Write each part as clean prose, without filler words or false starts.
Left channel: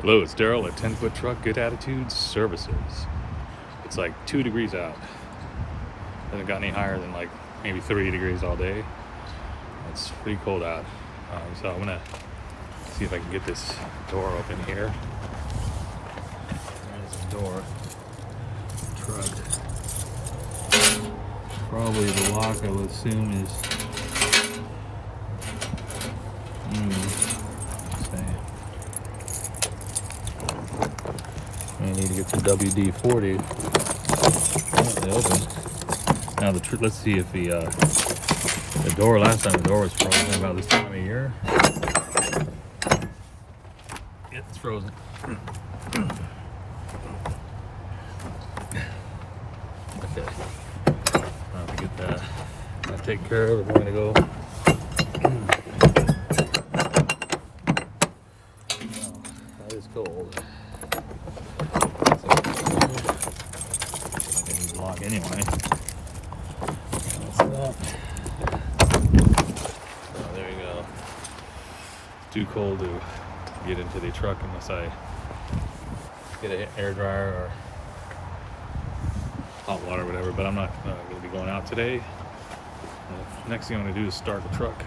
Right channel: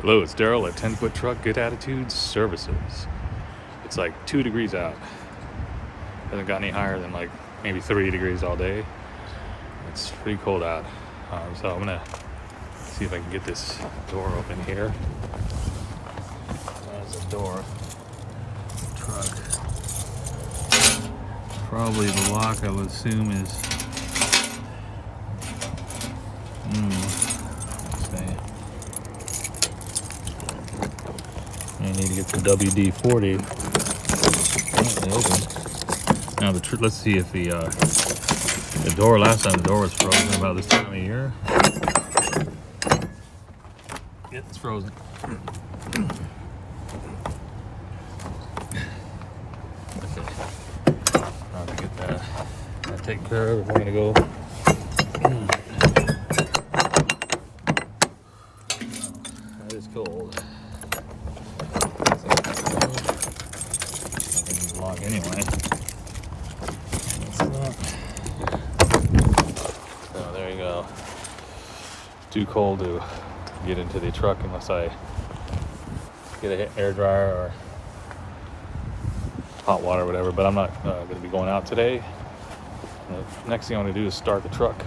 Hello, it's Daryl at 10 Foot Truck Good Attitude Services. It's like 2 degrees out. Hasn't got any higher than like maybe 3 degrees all day. It's pretty cold out. So I'm gonna see if I can get this door open here. There's a door. Truck. Probably the lock, I would assume, is. Let's see. I need to get the WD-40. Oh, they open. Now let's see if the door. Last time the door was frozen about this time of year. Yep, it's frozen. Okay, I'll have to get that. I'll take care of it. We're gonna go. That is cold. Block anyway. That's that. So there you go. Too cold to get into the truck unless I get an air dryer or hot water or whatever, but I'm not going to be going out today. The next thing I'm going to do is start the truck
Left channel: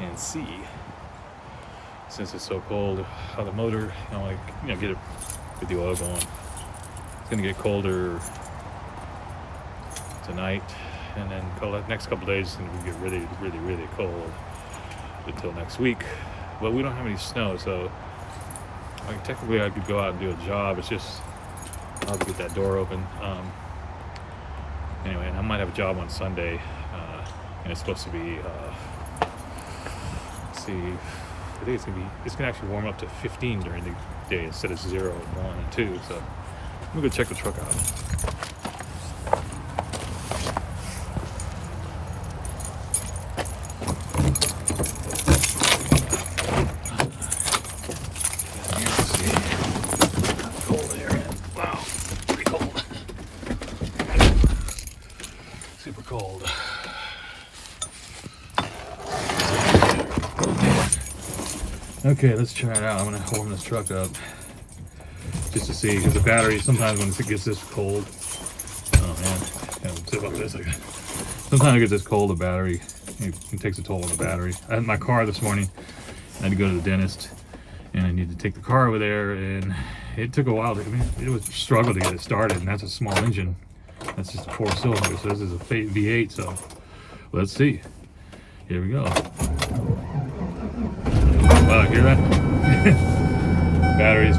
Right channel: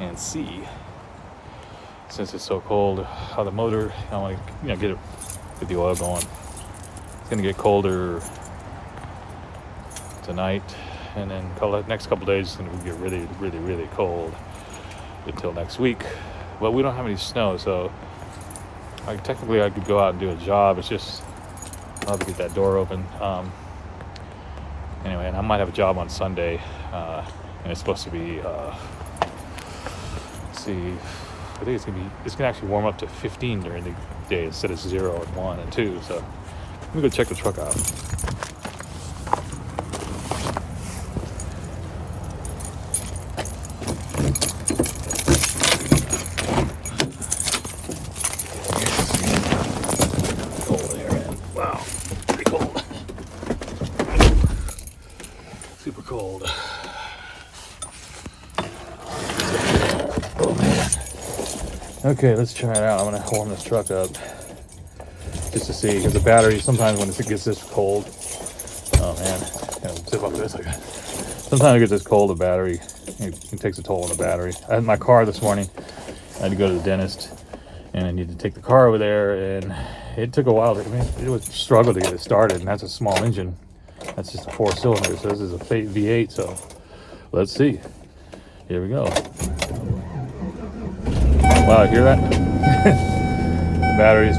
and see, since it's so cold, how the motor, I want to get the oil going. It's going to get colder tonight, and then the next couple days it's going to get really, really, really cold until next week. But we don't have any snow, so technically I could go out and do a job. It's just I'll have to get that door open. Anyway, and I might have a job on Sunday, and it's supposed to be. Let's see, I think it's gonna actually warm up to 15 during the day instead of 0 and 1 and 2. So let me go check the truck out. Super cold. Oh man. Okay, let's try it out. I'm gonna warm this truck up just to see, because the battery sometimes when it gets this cold. Oh man, zip up this. Sometimes it gets this cold, the battery it takes a toll on the battery. I had my car this morning. I had to go to the dentist, and I needed to take the car over there, and it took a while. It was a struggle to get it started, and that's a small engine. That's just a 4-cylinder, so this is a V8, so let's see. Here we go. Wow, hear that? Batteries.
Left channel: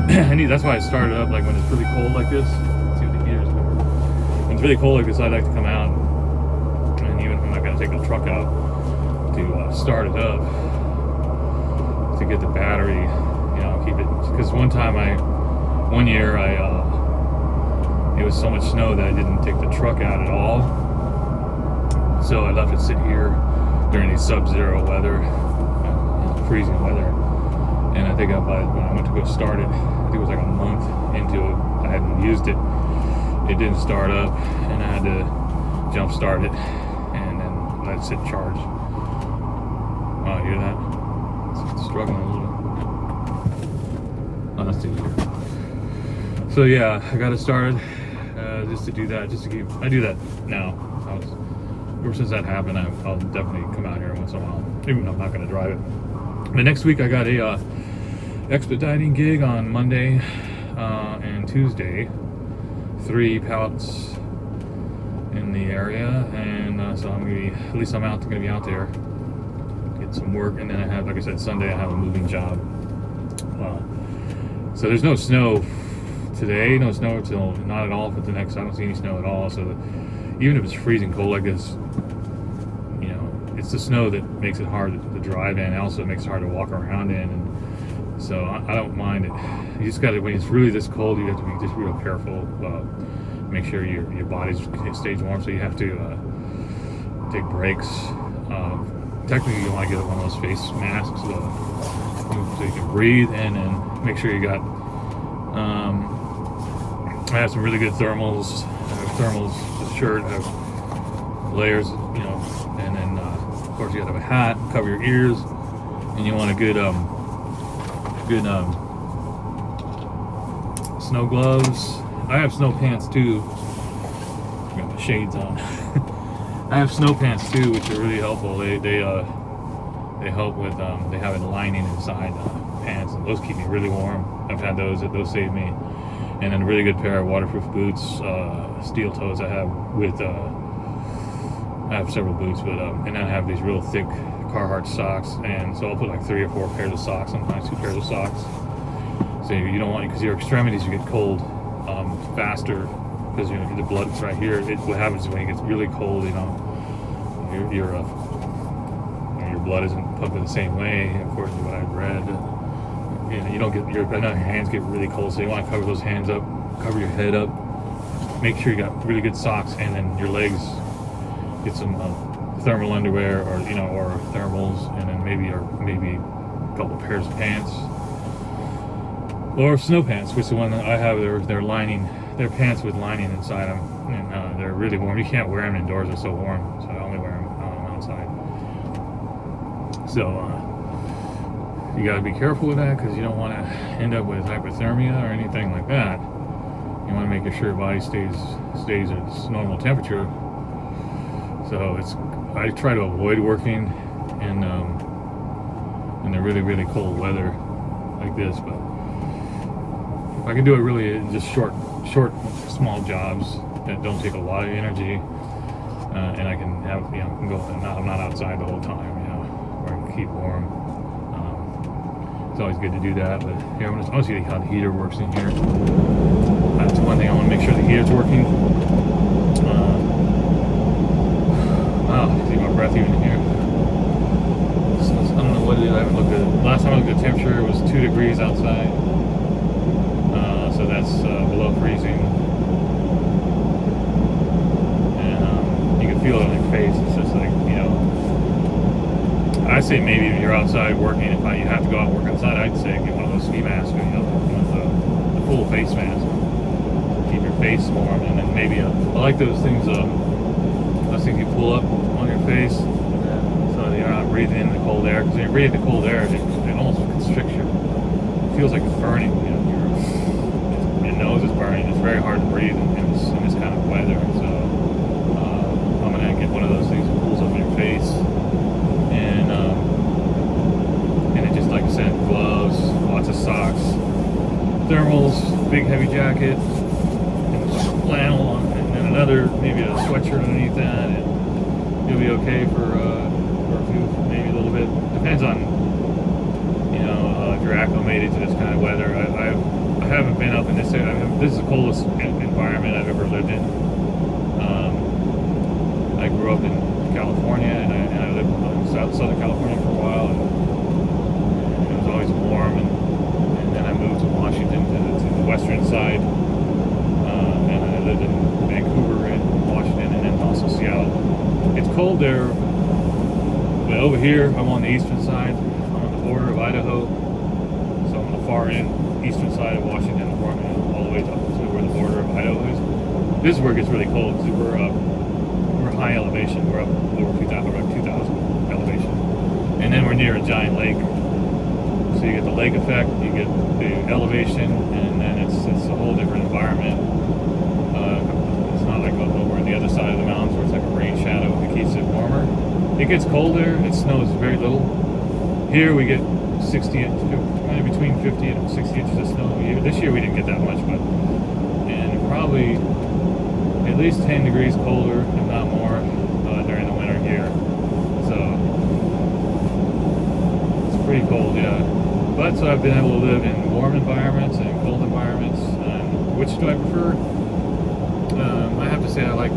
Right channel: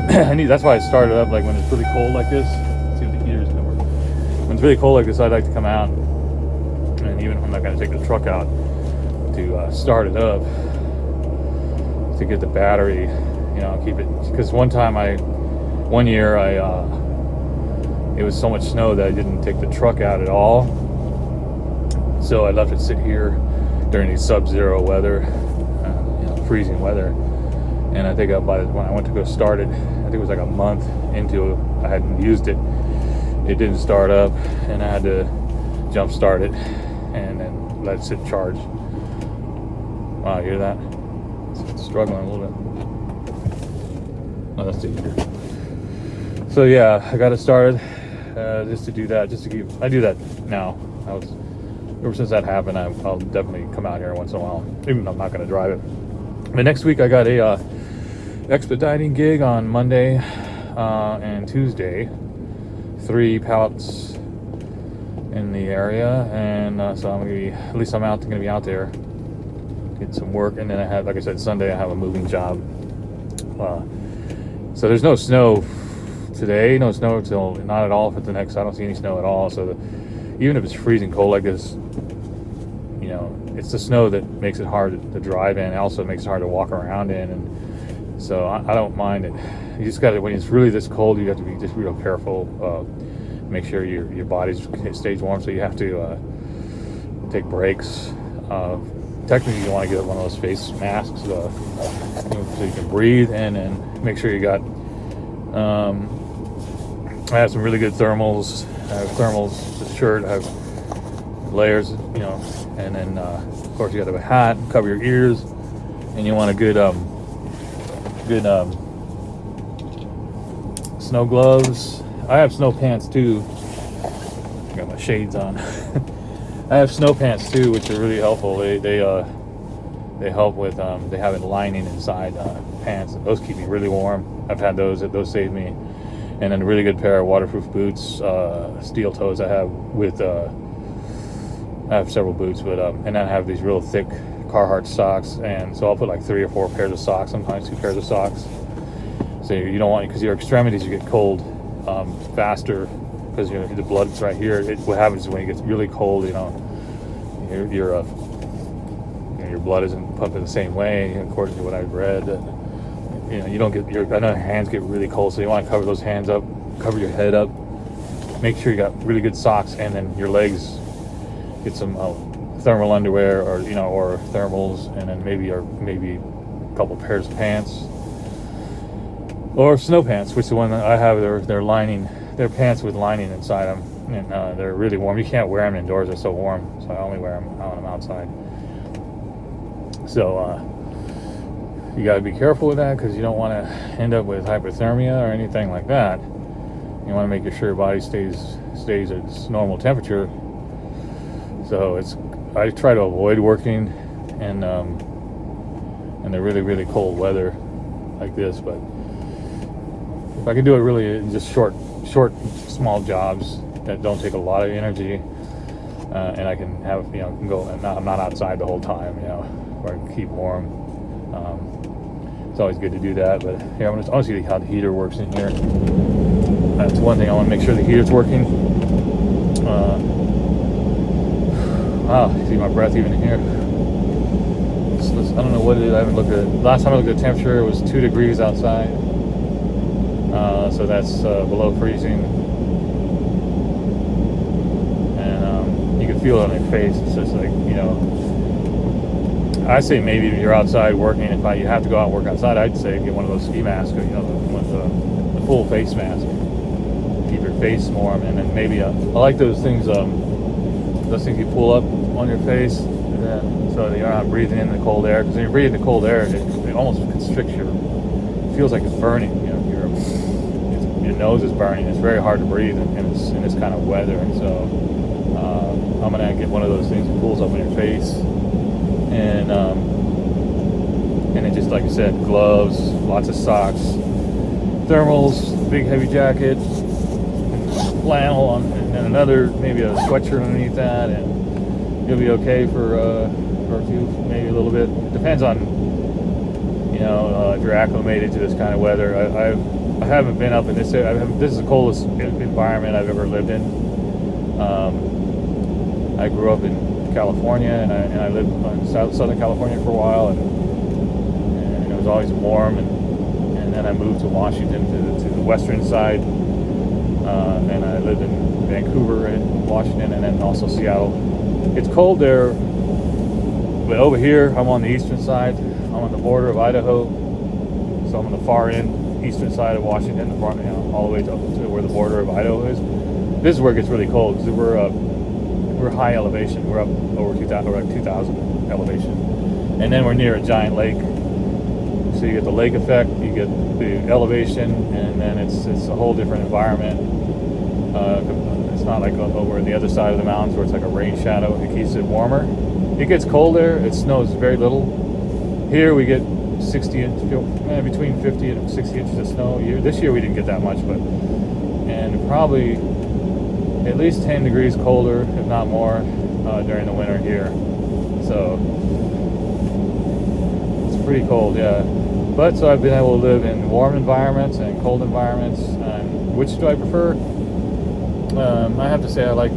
That's why I started up like when it's really cold like this. Let's see what the heater's coming. When it's really cold like this, I like to come out, and even if I'm not going to take the truck out, to start it up, to get the battery, keep it. Because one year it was so much snow that I didn't take the truck out at all. So I left it sit here during the sub-zero weather, freezing weather. And I think when I went to go start it, I think it was like a month into it, I hadn't used it. It didn't start up, and I had to jump start it and then let it sit charged. Wow, you hear that? It's struggling a little bit. Oh, that's easier. So yeah, I got it started. Just to do that, I do that now. Ever since that happened, I'll definitely come out here once in a while, even though I'm not going to drive it. The next week I got a expediting gig on Monday and Tuesday, 3 pallets in the area, and so I'm going to be out there, get some work, and then I have, like I said, Sunday I have a moving job. So there's no snow today, no snow till not at all for the next. I don't see any snow at all. So even if it's freezing cold like this, it's the snow that makes it hard to drive in. It also makes it hard to walk around in, and so I don't mind it. You just got to, when it's really this cold, you have to be just real careful. Make sure your body stays warm. So you have to take breaks. Technically, you want to get one of those face masks so you can breathe, and then make sure you got. I have some really good thermals. I have thermals, the shirt, I have layers, and then of course you got to have a hat, cover your ears, and you want a good snow gloves. I have snow pants too. I got my shades on. I have snow pants too, which are really helpful. They help with they have a lining inside pants, and those keep me really warm. I've had those save me. And then a really good pair of waterproof boots, steel toes. I have several boots, but and then I have these real thick Carhartt socks, and so I'll put like 3 or 4 pairs of socks, sometimes 2 pairs of socks. So you don't want, because your extremities, you get cold faster, because the blood's right here. What happens is when it gets really cold, your blood isn't pumping the same way, according to what I've read. You don't get I know your hands get really cold, so you want to cover those hands up, cover your head up, make sure you got really good socks, and then your legs, get some thermal underwear, or or thermals, and then maybe a couple pairs of pants, or snow pants, which is the one that I have. They're pants with lining inside them, and they're really warm. You can't wear them indoors; they're so warm, so I only wear them when I'm outside. So you got to be careful with that, because you don't want to end up with hypothermia or anything like that. You want to make sure your body stays at its normal temperature. So I try to avoid working in the really, really cold weather like this. But if I can do it really in just short, small jobs that don't take a lot of energy, and I can have can go, and I'm not outside the whole time, where I can keep warm. It's always good to do that. But here, I want to see how the heater works in here. That's one thing. I want to make sure the heater's working. Wow, see my breath even in here. I don't know what to do. I haven't looked at it. Last time I looked at the temperature, it was 2 degrees outside. So that's below freezing. And you can feel it on your face. It's just like, I say maybe if you're outside working, if you have to go out and work outside, I'd say get one of those ski masks, the full face mask. Keep your face warm, and then maybe I like those things. Those things you pull up on your face, so that you're not breathing in the cold air. Because when you're breathing the cold air, it almost constricts it feels like it's burning. Your nose is burning. It's very hard to breathe in this kind of weather. So I'm gonna get one of those things that pulls up on your face. And then just like I said, gloves, lots of socks, thermals, big heavy jacket, and flannel, and another, maybe a sweatshirt underneath that, and you'll be okay for a few, maybe a little bit. Depends on if you're acclimated to this kind of weather. I haven't been up in this area. This is the coldest environment I've ever lived in. I grew up in California, and I lived in Southern California for a while, and it was always warm, and then I moved to Washington, to the western side, and I lived in Vancouver and Washington, and then also Seattle. It's cold there, but over here I'm on the eastern side. I'm on the border of Idaho, so I'm on the far end eastern side of Washington, all the way to where the border of Idaho is. This is where it gets really cold, because we're high elevation. We're up over 2,000 elevation, and then we're near a giant lake. So you get the lake effect, you get the elevation, and then it's a whole different environment. It's not like over on the other side of the mountains where it's like a rain shadow. It keeps it warmer. It gets colder. It snows very little. Here we get between 50 and 60 inches of snow. This year we didn't get that much, and probably at least 10 degrees colder, if not more, during the winter here. So it's pretty cold, yeah. But so I've been able to live in warm environments and cold environments. And which do I prefer? I have to say I like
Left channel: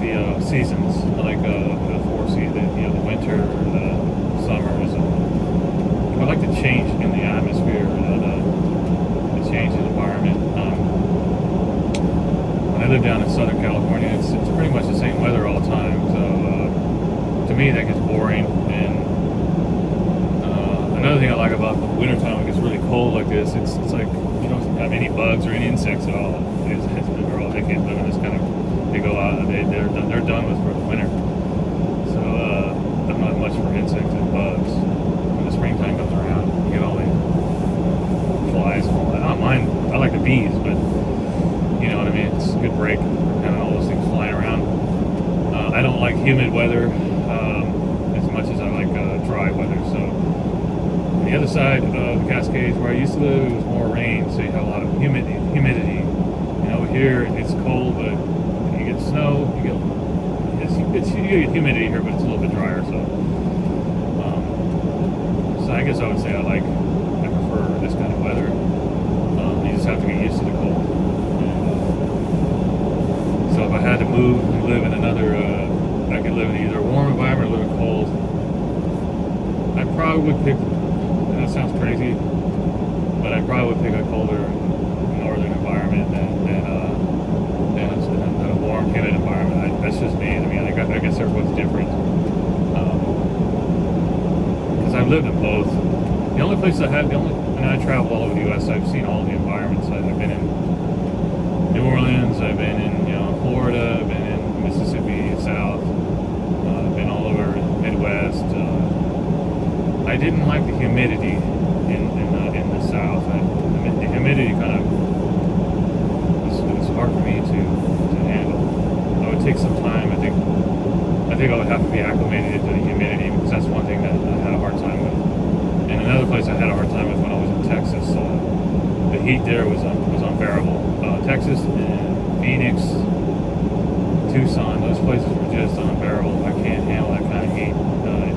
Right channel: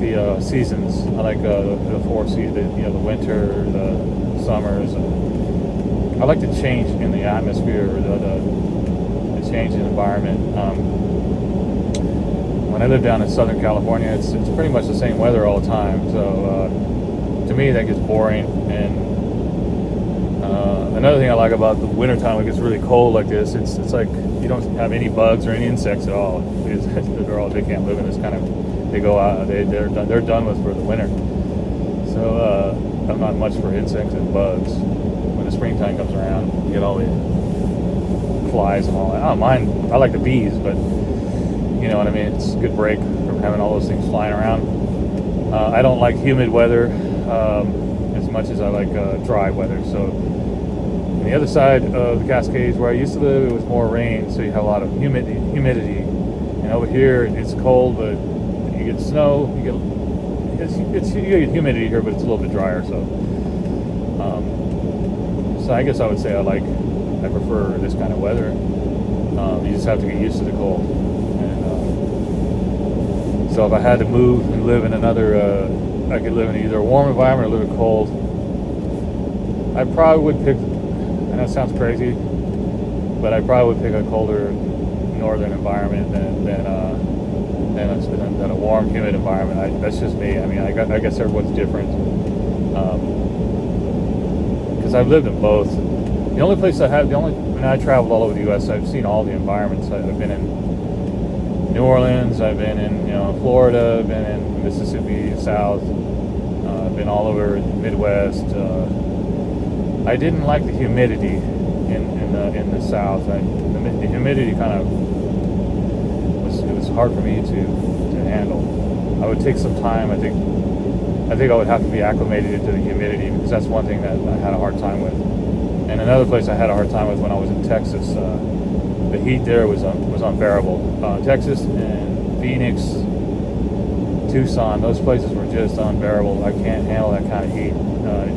the seasons. I like the 4 seasons. The winter, the summers. And I like the change in the atmosphere, the change in environment. When I live down in Southern California, it's pretty much the same weather all the time. So to me, that gets boring. And another thing I like about the wintertime, when it gets really cold like this, it's like you don't have any bugs or any insects at all. They can't live in this kind of. They go out. They're done with for the winter. So I'm not much for insects and bugs. When the springtime comes around, you get all the flies and all that. I don't mind. I like the bees, but you know what I mean. It's a good break from having all those things flying around. I don't like humid weather as much as I like dry weather. So on the other side of the Cascades where I used to live, it was more rain, so you have a lot of humidity. And over here, it's cold, but you get snow. You get humidity here, but it's a little bit drier. So I guess I would say I prefer this kind of weather. You just have to get used to the cold. And, so if I had to move and live in another, I could live in either a warm environment or a little cold. I probably would pick, and that sounds crazy, but I probably would pick a colder northern environment than a warm, humid environment. That's just me. I mean, I guess everyone's different. Because I've lived in both. The only place I traveled all over the U.S. I've seen all the environments. I've been in New Orleans. I've been in Florida. I've been in Mississippi, South. I've been all over the Midwest. I didn't like the humidity in the South. The humidity kind of was hard for me to handle. I would take some time. I think I would have to be acclimated to the humidity, because that's one thing that I had a hard time with. And another place I had a hard time was when I was in Texas. The heat there was unbearable. Texas and Phoenix, Tucson, those places were just unbearable. I can't handle that kind of heat.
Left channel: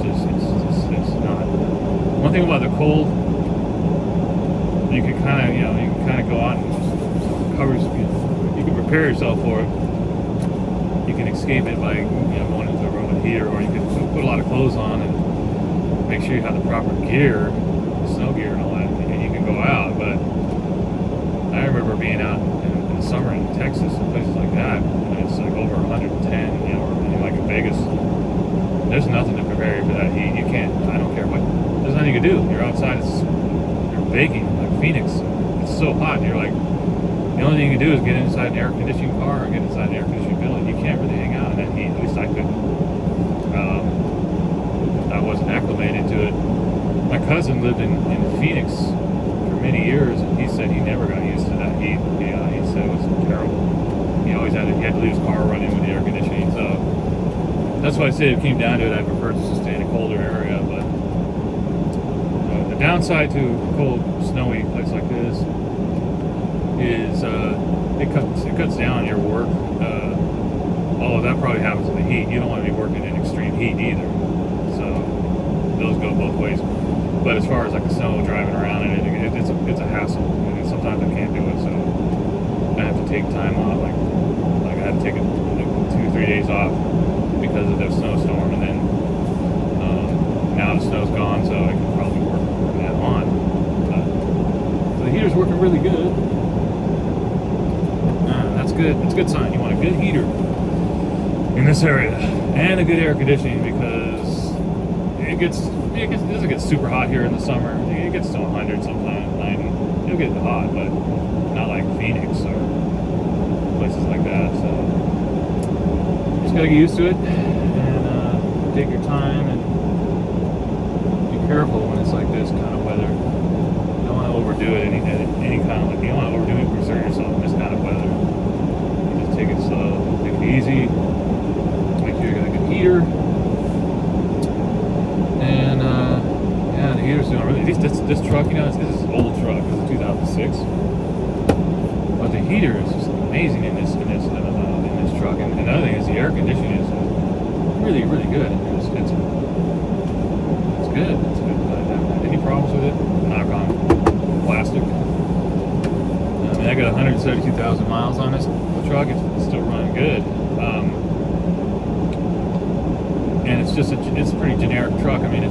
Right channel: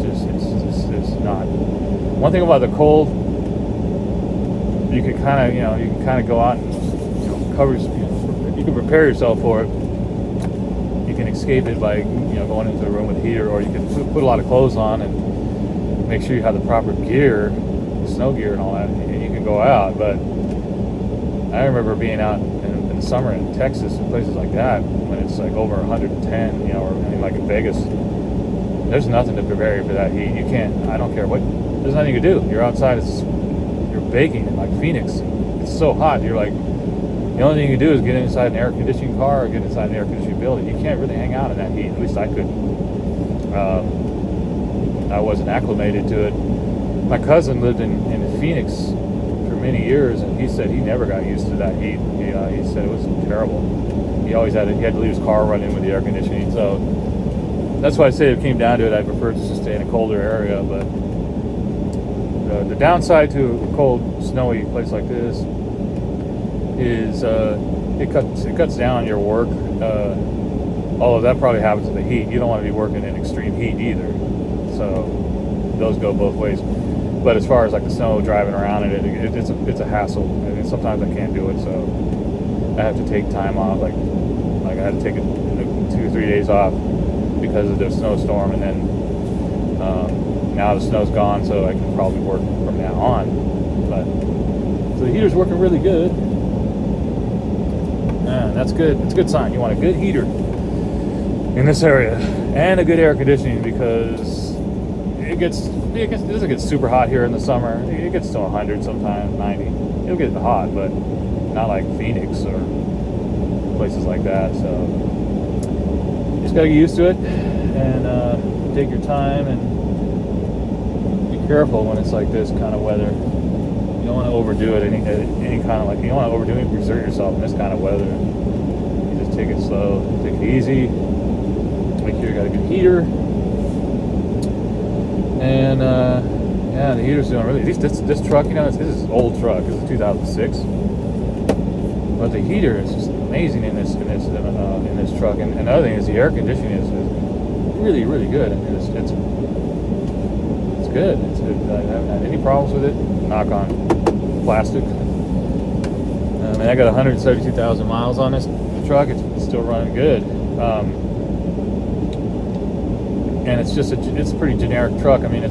It's not. One thing about the cold, you can kind of go out and you can prepare yourself for it. You can escape it by going into a room with heater, or you can put a lot of clothes on and make sure you have the proper gear, snow gear and all that, and you can go out. But I remember being out in the summer in Texas and places like that when it's like over 110, or like in Vegas. There's nothing to prepare you for that heat. You can't. I don't care what. There's nothing you can do. You're outside. You're baking. Like Phoenix, it's so hot. You're like, the only thing you can do is get inside an air conditioning car or get inside an air conditioning building. You can't really hang out in that heat. At least I couldn't. I wasn't acclimated to it. My cousin lived in Phoenix for many years, and he said he never got used to that heat. He said it was terrible. He had to leave his car running with the air conditioning. So that's why I say if it came down to it, I prefer to stay in a colder area. But the downside to a cold, snowy place like this is it cuts down on your work. Although that probably happens in the heat. You don't want to be working in extreme heat either. So those go both ways. But as far as like the snow, driving around in it, it's a hassle. And sometimes I can't do it, so I have to take time off. Like I had to take 2 or 3 days off because of the snowstorm, and then now the snow's gone, so I can probably work from now on. So the heater's working really good. That's good. That's a good sign. You want a good heater in this area, and a good air conditioning, because it doesn't get super hot here in the summer. It gets to 100 sometimes, 90. It'll get hot, but not like Phoenix or places like that. So you just gotta get used to it, and take your time, and be careful when it's like this kind of weather. You don't want to overdo it. Any kind of, like, you don't want to overdo it and exert yourself in this kind of weather. You just take it slow, take it easy. Make sure you got a good heater. And the heater's doing really. This truck, this is an old truck. It's a 2006. But the heater is just amazing in this truck. And another thing is the air conditioning is really, really good. And it's good. It's good. I haven't had any problems with it. Knock on plastic. I mean, I got 172,000 miles on this truck. It's still running good. And it's a pretty generic truck. I mean,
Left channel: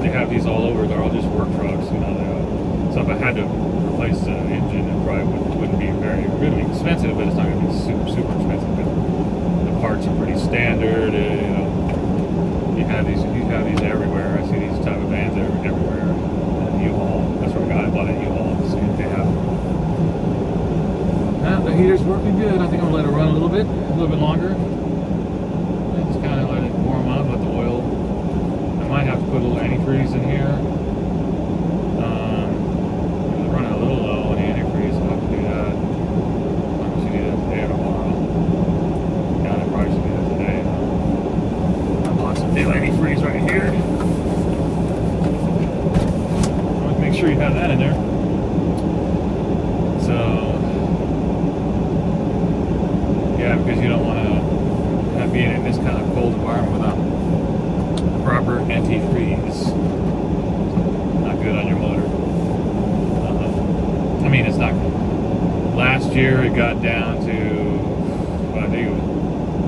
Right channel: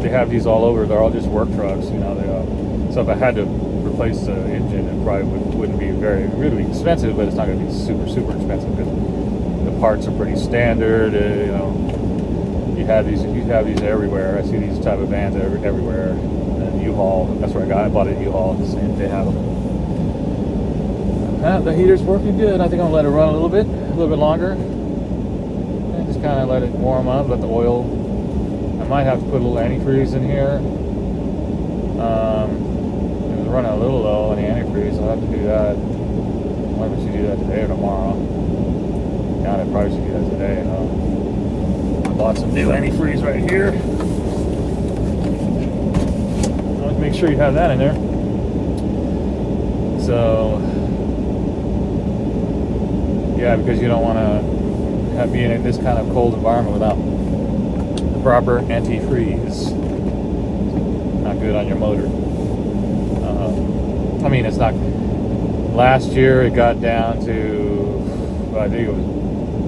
they have these all over. They're all just work trucks, so if I had to replace the engine, it probably wouldn't be really expensive, but it's not going to be super, super expensive, because the parts are pretty standard. You have these everywhere. I see these type of vans everywhere. And U-Haul. That's where I bought it at U-Haul. See if they have it. The heater's working good. I think I'm gonna let it run a little bit longer. Kind of let it warm up, let the oil. I might have to put a little antifreeze in here. It was running a little low. any antifreeze. I'll have to do that. Maybe I should do that today or tomorrow. God, I probably should do that today. I bought some new antifreeze right here. Let's make sure you have that in there. So, yeah, because you don't want to be in this kind of cold environment without the proper antifreeze. Not good on your motor. I mean, it's not. Last year it got down to, I think it was,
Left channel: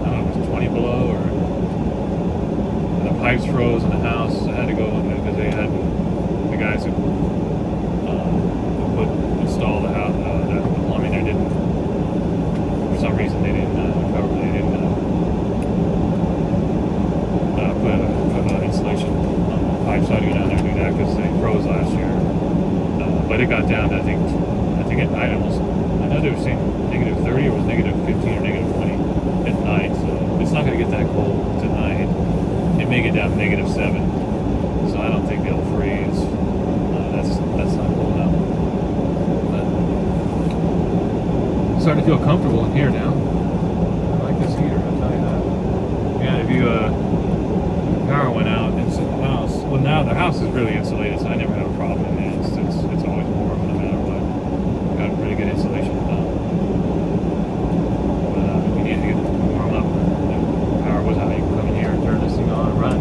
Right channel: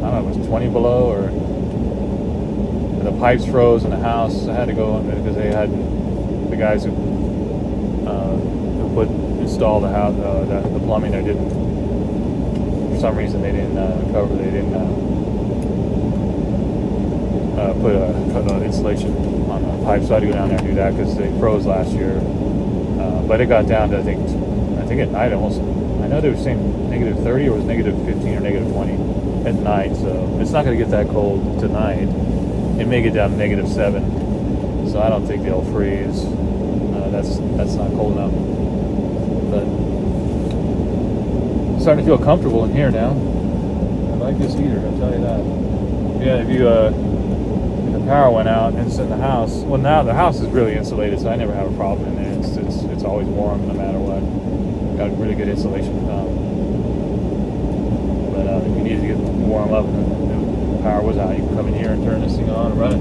I don't know, it was 20 below, or the pipes froze in the house. I had to go because they had the guys who installed the house, the plumbing. They didn't, for some reason, they didn't put insulation on the pipes. So I had to go down there and do that because they froze last year. But it got down to I think at night almost. I know they were saying -30, or it was -15 or -20 at night. So it's not going to get that cold tonight. It may get down to -7. So I don't think they'll freeze. That's not cold enough. But I'm starting to feel comfortable in here now. I like this heater, I'll tell you that. Yeah, if the power went out and it's in the house. Well, now the house is really insulated, so I never have a problem in there. It's always warm no matter what. Got really good insulation. But if you need to get warm up and the power was out, you can come in here and turn this thing on and run it.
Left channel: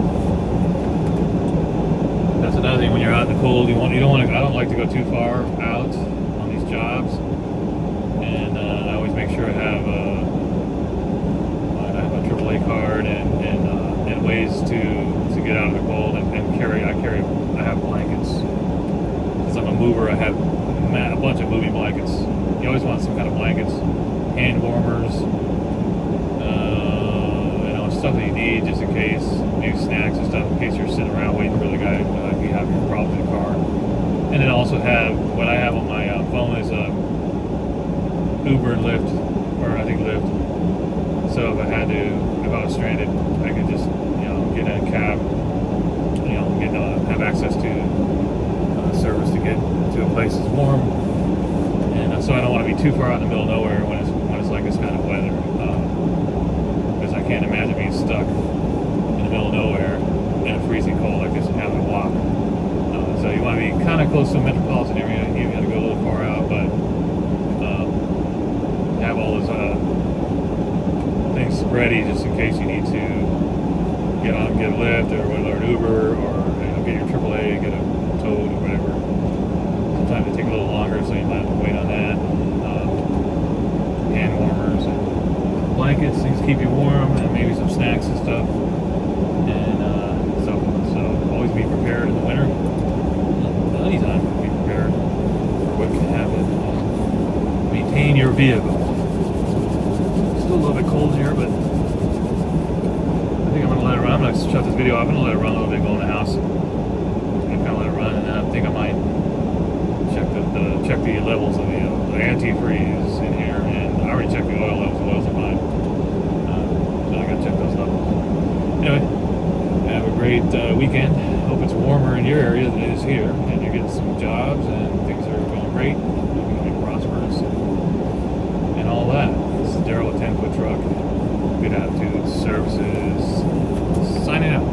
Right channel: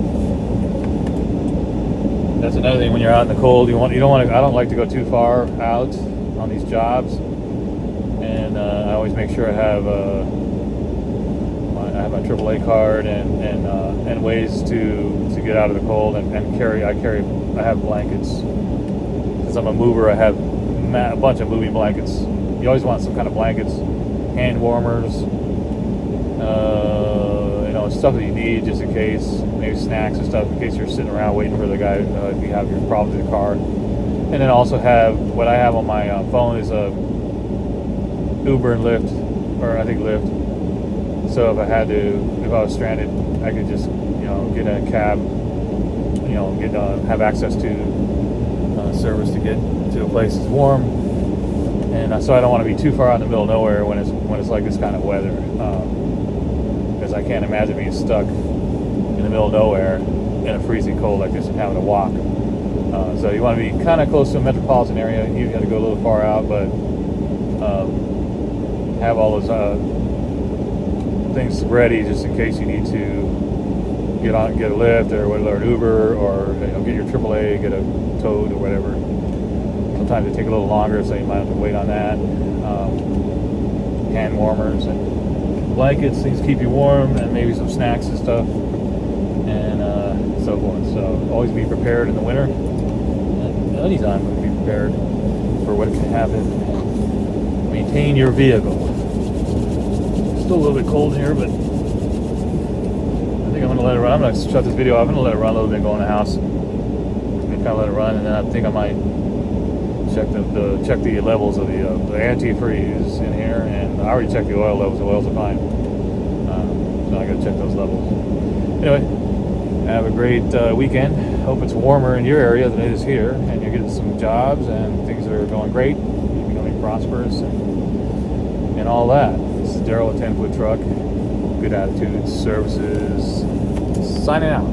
That's another thing when you're out in the cold. You don't want to. I don't like to go too far out on these jobs, and I always make sure I have my AAA card and ways to get out of the cold and carry. I have blankets. Since I'm a mover, I have a bunch of moving blankets. You always want some kind of blankets, hand warmers, stuff that you need just in case, maybe snacks and stuff in case you're sitting around waiting for the guy if you have your problems in the car. And then also have what I have on my phone is Uber and Lyft, or I think Lyft. So if I was stranded, I could just get in a cab, have access to service to get to a place that's warm. And so I don't want to be too far out in the middle of nowhere when it's like this kind of weather, because I can't imagine being stuck in the middle of nowhere in a freezing cold like this and having to walk. So you want to be kind of close to a metropolitan area. You got to go a little far out, but have all those things ready just in case you need to get a Lyft or an Uber, or get your AAA, get a Toad or whatever. Sometimes they take a little longer, so you might have to wait on that. Hand warmers and blankets, things to keep you warm, and maybe some snacks and stuff, and so forth. So always be prepared in the winter. Anytime, but be prepared for what can happen and maintain your vehicle. Still a little bit cold here, but I think I'm gonna let it run. I'm gonna shut this video off. I'm gonna let it run a little bit, go in the house, and kind of let it run, and then I think I might check the levels of the antifreeze in here, and I already checked the oil levels. The oils are fine. So I gotta check those levels. Anyway, have a great weekend. Hope it's warmer in your area than it is here, and you're getting some jobs and things are going great. You're becoming prosperous and all that. This is Daryl with 10 Foot Truck. Good Attitudes Services. Signing out.